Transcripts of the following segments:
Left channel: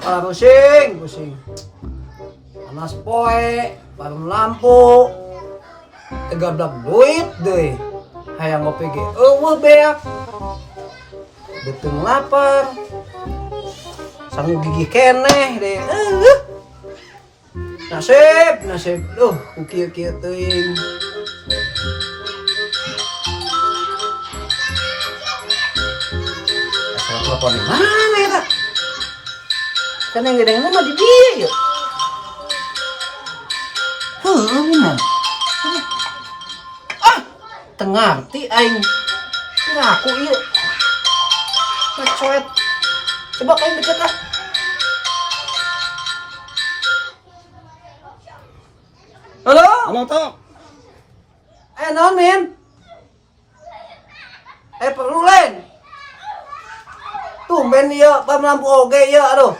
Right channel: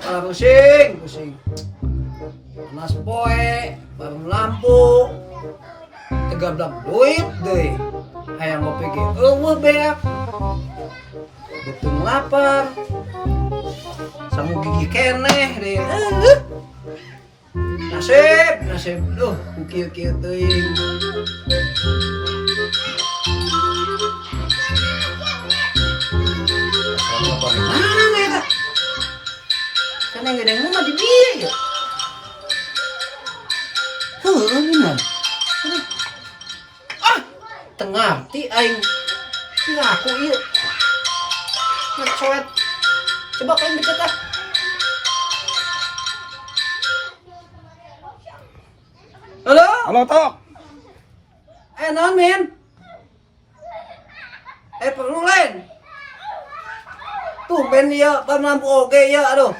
pusing. Panas poe, parang lampu. Tegablak duit deh. Hayang ngopi ge eueuh beak. Betung lapar. Sang gigi keneh deh. Nasib. Kieu-kieu teuing. Asal telepon di mana ya? Kan yang gede mah di dia yuk. Bener. Tengarti aing. Ngaku yuk. Ngecoet. Coba kain deket ah. Halo, Tok. Naon Min? Perlu lain. Tumben ieu pam lampu oge ieu aduh.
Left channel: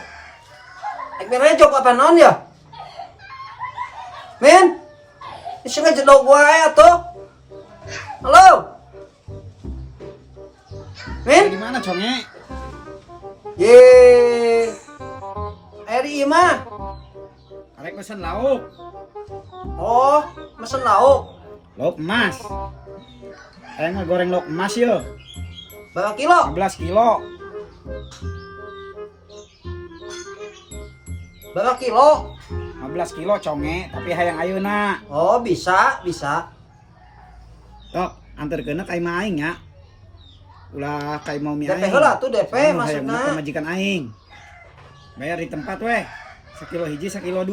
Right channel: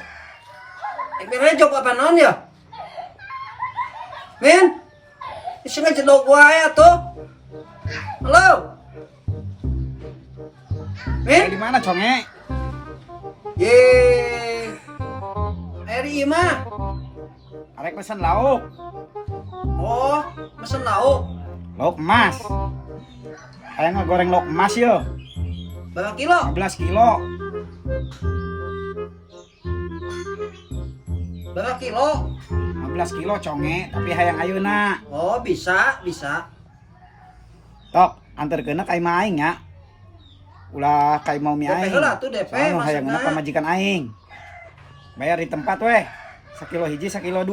Merejok apa naon ya? Min? Iseng jedog wae atuh. Halo. Min? Di mana, Conge? Ye. Eri mah. Arek pesen lauk. Oh, mesen lauk. Lauk emas. Kayak ngegoreng lauk emas yo. Berapa kilo? 15 kilo. Berapa kilo? 15 kilo, Conge, tapi hayang ayeuna. Oh, bisa. Tok, anterkeun ka imah aing nya. Ulah ka imah mi DP aing. heula tuh DP Hayang maksudna. pamajikan aing. Bayar di tempat weh. 1 kilo hiji, 1 kilo 2.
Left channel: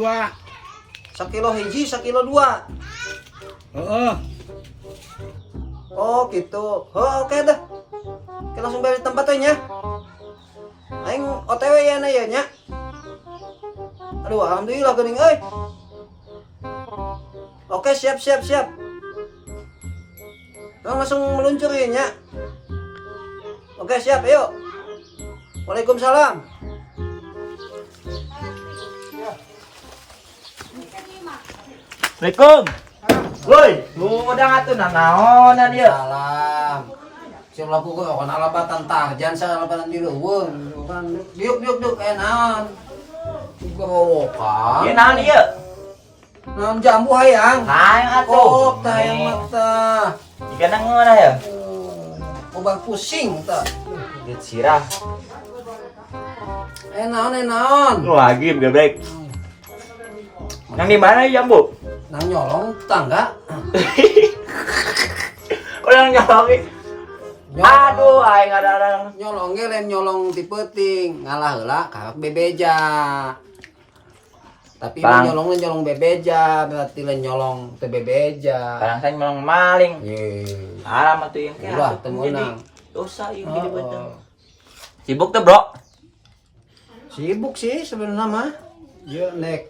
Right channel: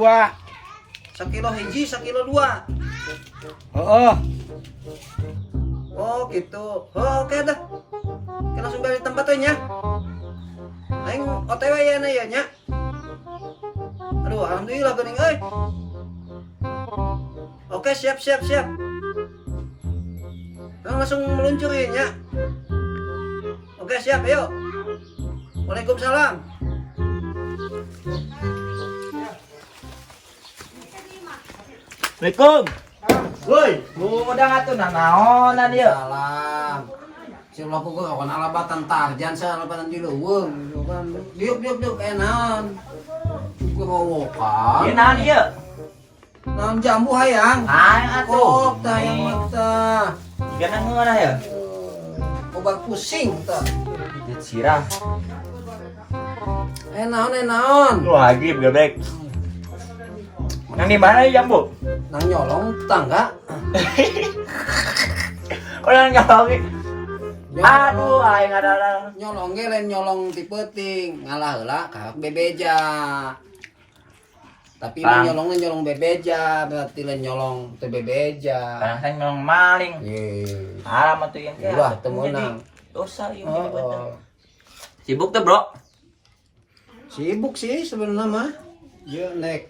1 kilo hiji, 1 kilo 2. Heeh. Oh gitu. Oh, oke dah. Oke, langsung balik tempat tuh nya. Aing OTW ya na ya nya. Aduh, alhamdulillah geuning euy. Oke, siap. Langsung meluncur ya nya. Oke, siap, yuk. Waalaikumsalam. Assalamualaikum. Woi, budang atuh naonan ieu? Salam. Si lapu gua kan alabatan Tarjan sa alabatan di leuweung, kan. Diuk enan. Kurowokan. Ieu naon ieu? Naon jambu hayang. Naon atuh? Oh, tayang mata. Jika nang mana ya? Obat pusing ta. Dit sirah. Naon. Lagi geblek. Nang di mana ya, Bu? Nang nyolong tangga. Orang nyolong. Aduh, aing ada. Nyolong ge lain nyolong ti peuting, ngalah heula ka bebeja. Tapi lain nyolong bebeja, berarti lain nyolong teu bebeja. Kadang saya nyolong maling. Ye. Haram atuh yang kayak Udah, atuh teu jadi meunang. dosa yang jadi bener. Sibuk tuh, Bro? Sibuk sih sebenarnya mah. Ye nek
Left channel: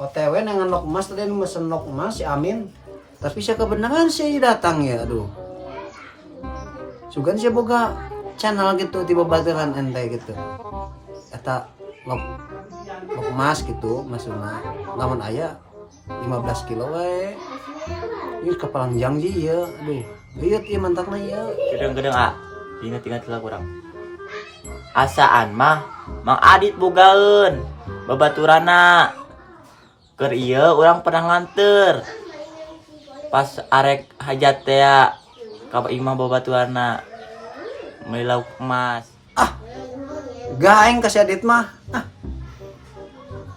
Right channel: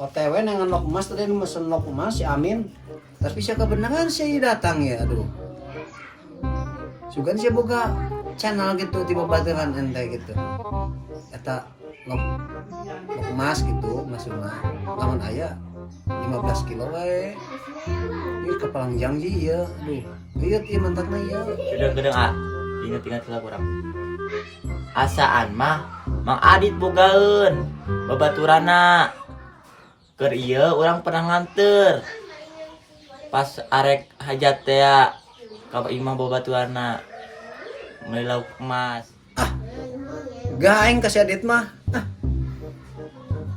OTW dengan lok emas tadi mesen lok emas si Amin. Tapi saya kebenaran sih datang ya, aduh. Sugan sih boga channel gitu tiba baturan ente gitu. Eta lok emas gitu maksudnya. Lamun aya 15 kilo we. Ieu kepalangjang sih ya, aduh. Ieu ieu mantapna ya. Gedeng-gedeng ah. Ingat-ingat lah kurang. Asaan mah Mang Adit bogaeun babaturana. Keur ieu urang pernah nganter. Pas arek hajat teh ka imah babaturana. Meuli lauk emas. Gak aing kasih adit mah.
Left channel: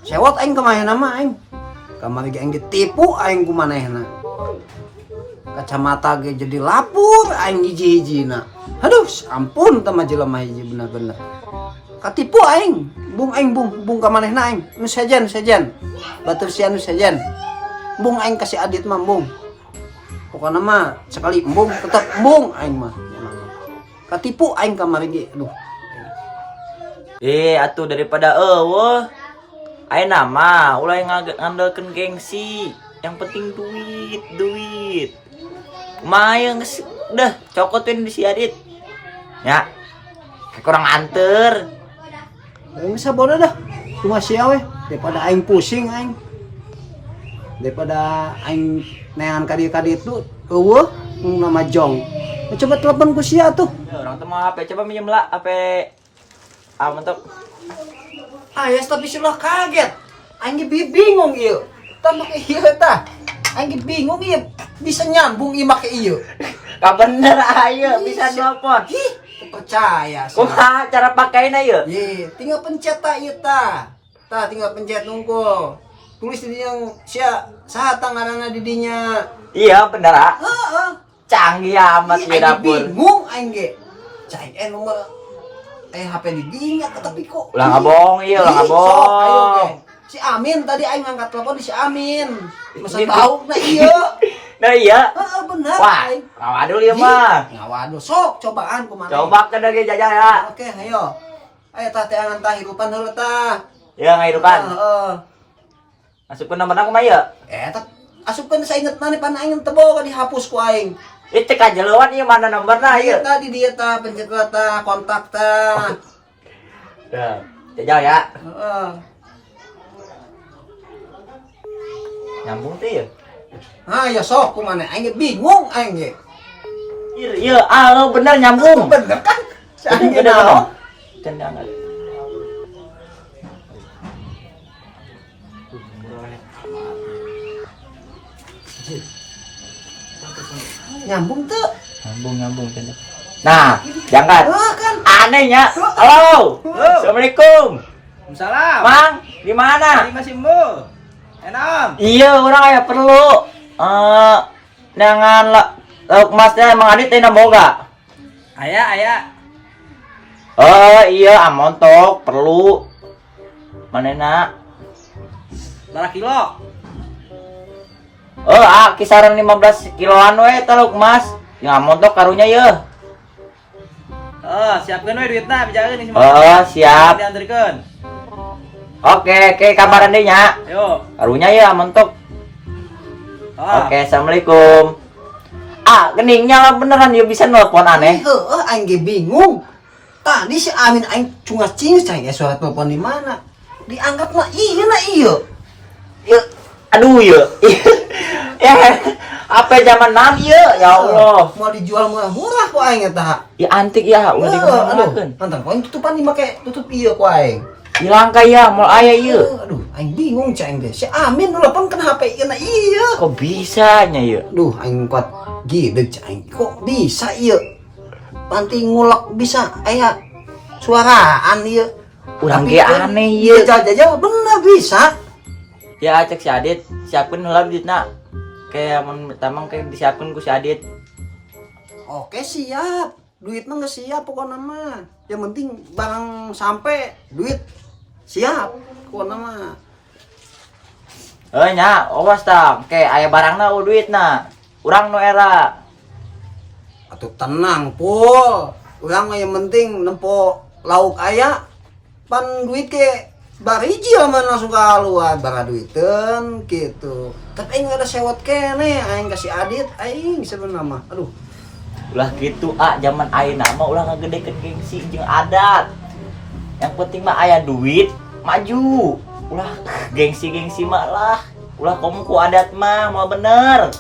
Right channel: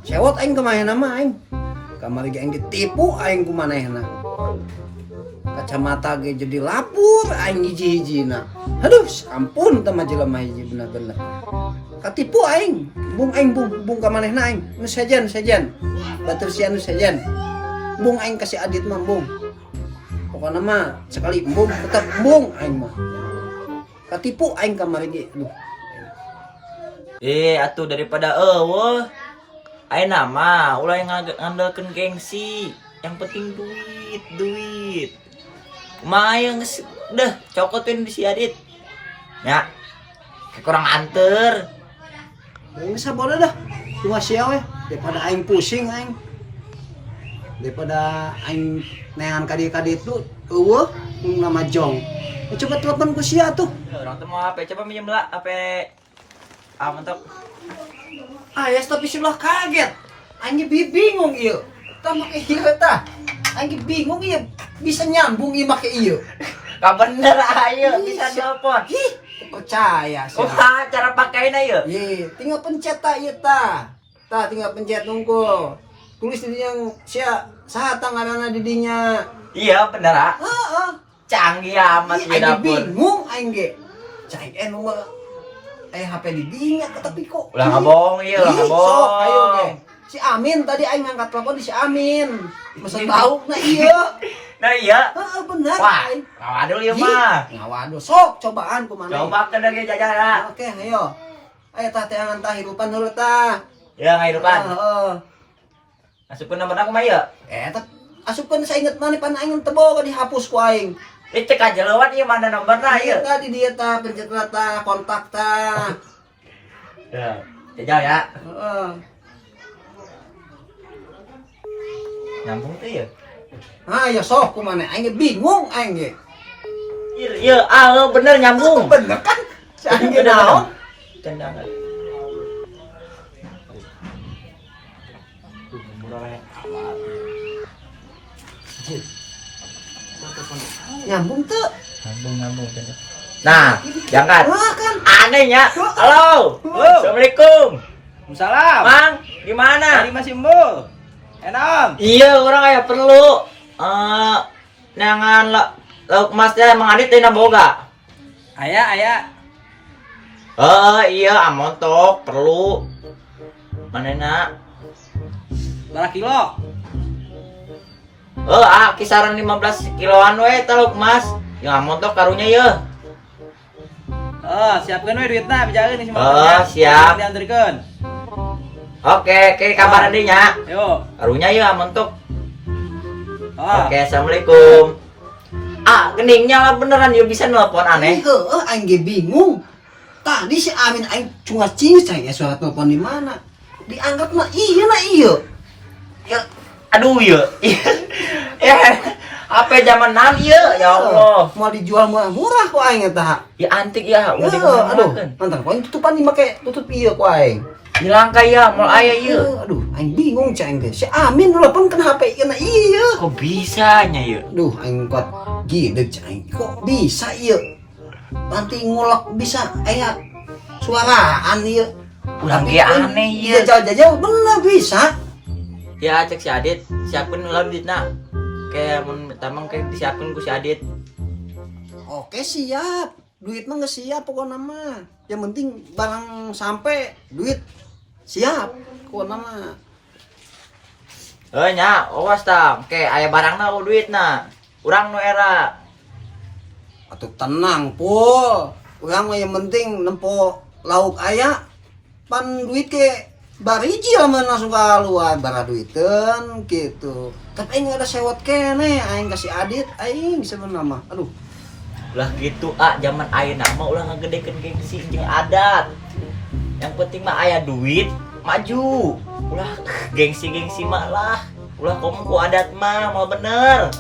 Sewot aing kemana mah aing. Kamari ge aing ditipu aing kumanehna. Kacamata ge jadi lapur aing hiji-hijina. Aduh, ampun teh mah jelema hiji bener-bener. Katipu aing. Bung aing bung ka manehna aing. Nu sejen. Batur sian nu sejen. Bung aing kasih adit mah bung. Pokokna mah sekali embung tetep embung aing mah. Katipu aing kamari ge. Aduh. Atuh daripada eueuh. Ayeuna mah ulah ngandalkeun gengsi. Yang penting duit. Kumaha geus dah cokotin di si Adit. Ya. Kurang anter. Aing sabodo dah. Cuma sia we daripada aing pusing aing. Daripada aing neangan ka ditu eueuh nama Jong. Coba telepon ku sia tuh. Orang tuh mau HP, coba minjem lah HP. Ah, mantap. Ayas tapi sudah kaget. Aing bingung ieu. Tah make ieu tah. Aing bingung ieu bisa nyambung ieu make ieu. Ka bener ayo bisa nelpon. Ih, percaya sih. Kumaha cara pakainya ieu? Ye, tinggal pencet tah ieu tah. Tah tinggal pencet nunggu. Tulis di yang sia saha tanganana di dinya. Iya bener ah. Heeh. Canggih amat Ih, ieu aing dapur. bingung aing ge. Cai nomor HP di dinya tapi kok. Ulah ngabohong ieu, ulah Ih, sok, ayo ge. ngabohong. Si Amin tadi aing ngangkat telepon di si Amin. Masa tahu nah iya. Nah iya. Heeh bener Wah, aing. waduh ieu mah. Ngawaduh, sok cobaan kumaha. Coba kena ge jajah ya. Oke, ayo. Ayo tah teh angan tah hirupan heula tah. Ya ngahirupan. Heeh. Masukkeun nama kumaha ieu? Tah asupkeun sainget mana pan aing teu boga dihapus ku aing. Ih cek ajeleuan ieu mana nomorna ieu? Ieu tadi dia tah pencet tah kontak tah. Ya, jajah ya. Heeh. Nyambung teh ieu. Ah, ya sok kumaha aing bingung aing ge. Ieu bener nyambung. Bener kan? Si aing ge Bener, naon? Tendangan. Nyambung tuh. Nyambung tendangan. Nah, jangan. Wah kan. Anehnya. Halo. Assalamualaikum. Salam. Mang, gimana? Tadi masih mul. Enak. Iya, orang aya perlu. Dengan lauk mas teh emang adit teh boga. Aya. Iya, amontok perlu. Manehna? Berapa kilo? Kisaran 15 kiloan we teh lauk mas. Yang amontok karunya ye. Siapkan we duitna bijakeun nih Siap. Dianterkeun. Oke, kabaran deui nya. Yo. Karunya ye amontok. Oke. Assalamualaikum. Geningnya beneran ya bisa nelpon aneh. Heeh, aing ge bingung. Tadi si Amin aing cungas cingus aing suara telepon di mana? Diangkat mah iya na iya. Ya, aduh ya. Ya, apa zaman now ya? Ya Allah. Mau dijual murah ku aing eta. Ya antik ya, udah Aduh, dikemanakan. mantan ku aing tutupan di make tutup iya ku aing. Hilang kaya, mau aya ieu. Aduh, aing bingung cai ge. Si Amin nelpon kan HP ieu na iya. Kok bisanya ya? Duh, aing kuat gideg cai. Kok bisa iya? Panti ngulek bisa aya suaraan ieu. Urang ge kan aneh iya ieu. jauh-jauh bener bisa. Ya cek si Adit, siapkeun heula duitna. Kayak mun tamang kayak disiapkeun ku si Adit. Oke siap, duit mah nggak siap pokoknya mah. Yang penting barang sampai duit siap pokoknya mah. Nya, awas tah. Kayak aya barangna duitna. Urang nu era. Atuh tenang pul, urang mah yang penting nempo lauk aya, pan duit ke bariji mah langsung keluar bara duiteun gitu. Tapi aing ada sewot kene, aing kasih Adit, aing bisa nama. Aduh. Ulah gitu zaman ayeuna mah ulah ngagedekeun gengsi jeung adat. Yang penting mah aya duit maju. Ulah gengsi mah lah. Ulah komo ku adat mah mau bener.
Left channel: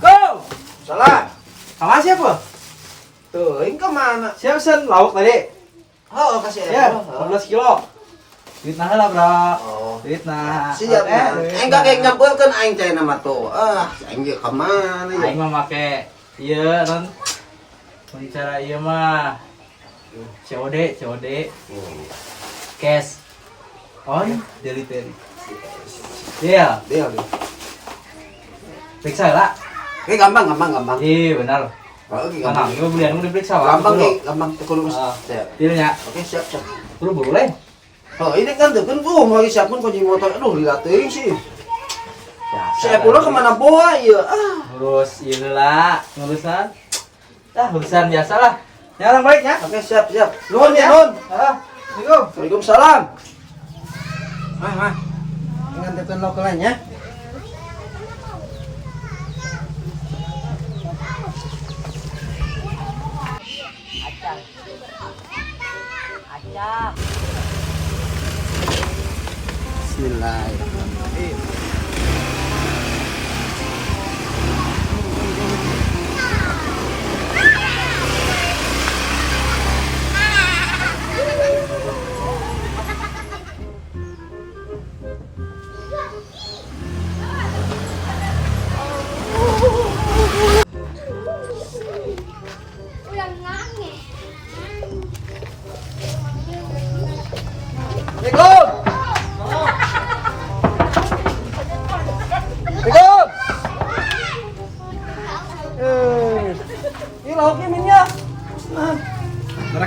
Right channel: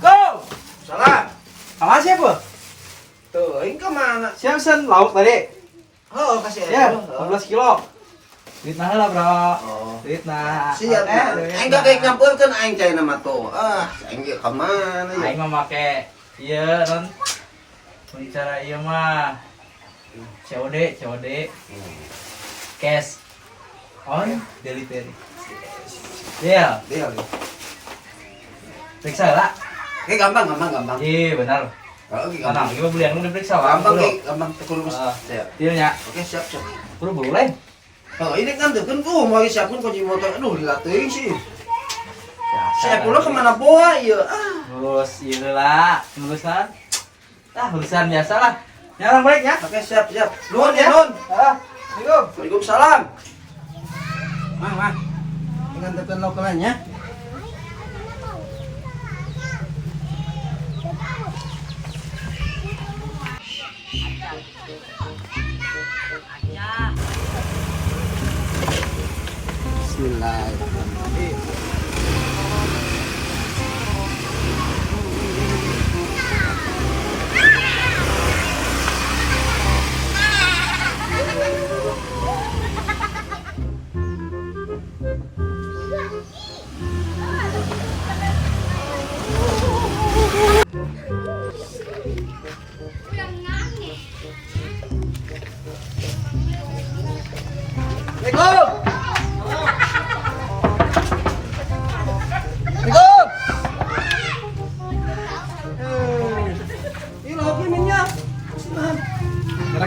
Go. Salah. Apa siapa? Tuh, aing kemana? Siap sen lauk tadi. Oh, kasih Ya, aja. 15 kilo. Duit nah lah, Bro. Oh. Duit nah. Siap, aing gak kayak nyampurkeun aing teh nama tuh. Aing ge ka mana ya? Aing mah make ieu non. Cara ieu mah COD. Cash. On delivery. Iya, Dia. periksa lah. Gampang. Iya, benar. Oh, oke, Tenang, ieu belian mun diperiksa lah. gampang tekun Ah. siap. Tilnya. Oke, siap. Buru lain. Oh, ini kan tuh kan gua mau siapin kunci motor. Aduh, lihat teuing sih. Ya, Saya pulang kemana boa ya? ngurus ieu lah, ngurusan. Urusan biasa lah. Ya, orang baik ya. Oke, siap. Nuhun ya. Nuhun. Assalamualaikum. Waalaikumsalam. Nganterin lokalannya. Bismillahirrahmanirrahim.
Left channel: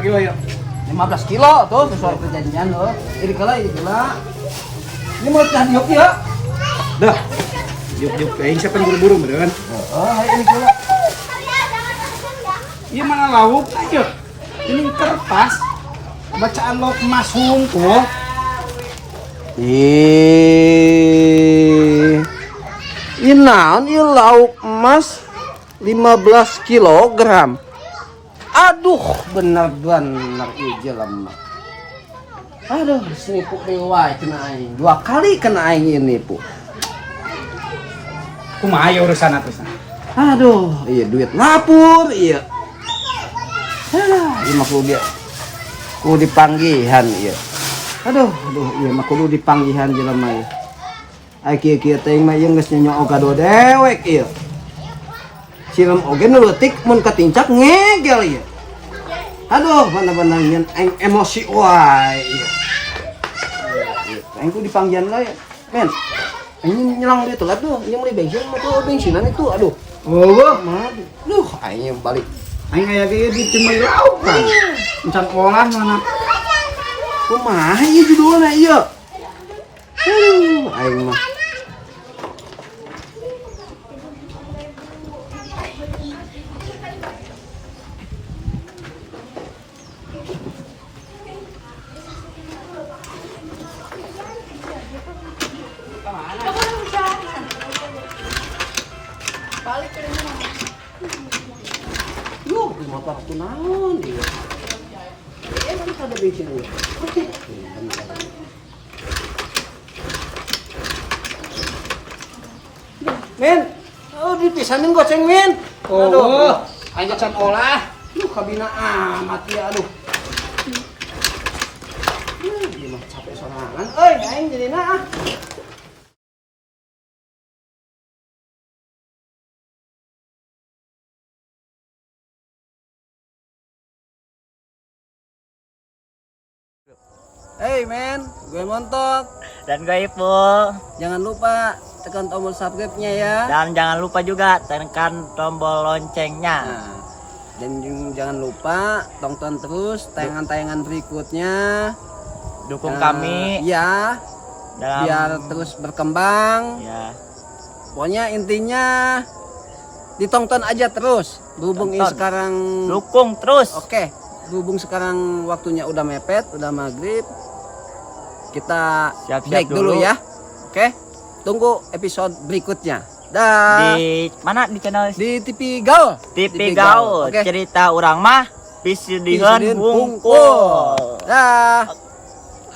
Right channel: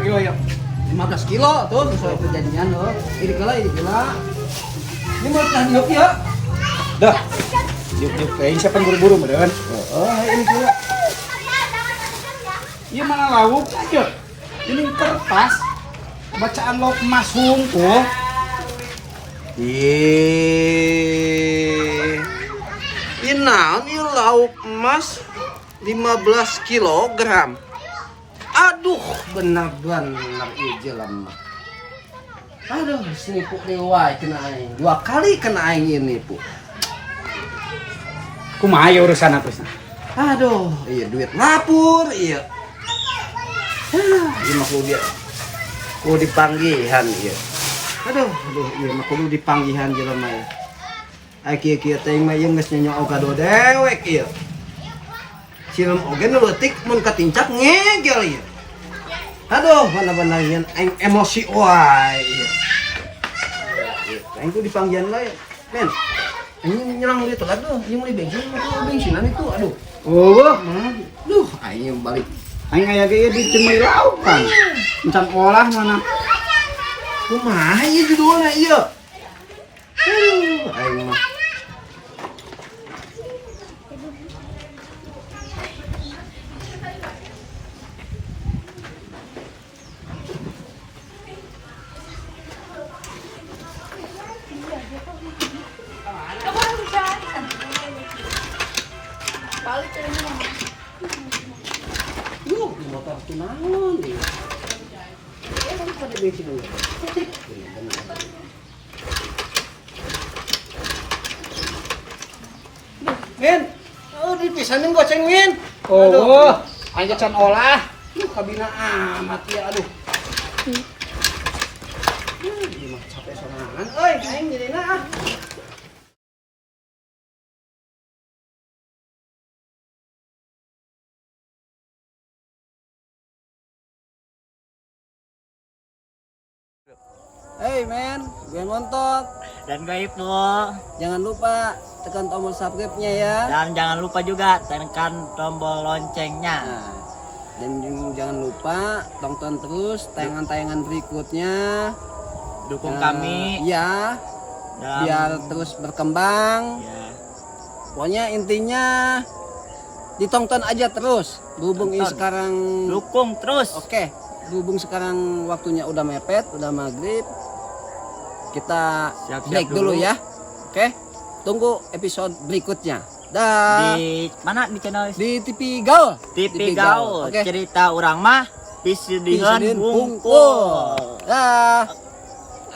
kilo ya. 15 kilo tuh sesuai perjanjian loh. Ini kala. Ini mau tahan diuk ya. Dah. Yuk aing siapa buru-buru meureun. Ini kala. Ieu mana lauk aja. Ini kertas. Bacaan lauk emas hungkul. Ini naon ieu lauk emas 15 kilogram. Aduh, bener ieu jelema. Aduh, sini pu dewa kena aing. 2 kali kena aing ini, Pu. Kumaha ya urusan atusna? Aduh, iya duit lapur, iya. Iya mah kudu dia. Kudu dipanggihan iya. Aduh, iya mah kudu dipanggihan jelema ieu. Aki-aki teh mah ieu geus nyonya ogado dewek ieu. Silem oge nu leutik mun katincak ngegel ieu. Aduh, bener-bener ieu emosi wae ieu. Aing kudu dipanggihan wae, men. Anjing nyerang itu kan tuh, yang mulai bensinan itu, aduh. Oh, Mah, duh, aing balik. aing aya ge di cemil lauk kan. Encan olah mana. Kumaha ieu judulna ieu? Aing mah. Yuh, di motor aku naon ieu? Emang ada bensin ieu. Men, oh dipisahin goceng men. Oh, aing can olah. Duh, kabina amat ya, aduh. Dia mah capek sorangan. Euy, aing jadina ah. Hey men, gue Montok. Dan gue Ipul. Jangan lupa tekan tombol subscribe-nya ya. Dan jangan lupa juga tekan tombol loncengnya. Nah, dan jangan lupa tonton terus tayangan-tayangan berikutnya. Dukung kami Ya, dalam biar terus berkembang. ya. Pokoknya intinya ditonton aja terus. Berhubung ini Tonton. sekarang Dukung terus. Oke, berhubung sekarang waktunya udah mepet, udah maghrib. Kita Siap-siap break dulu dulu. ya. Oke. Tunggu episode berikutnya. Dah. Di mana di channel Di TV Gaul. TV Gaul. Oke. Cerita urang mah pisudiheun Pisudiheun hungkul. hungkul. Dah.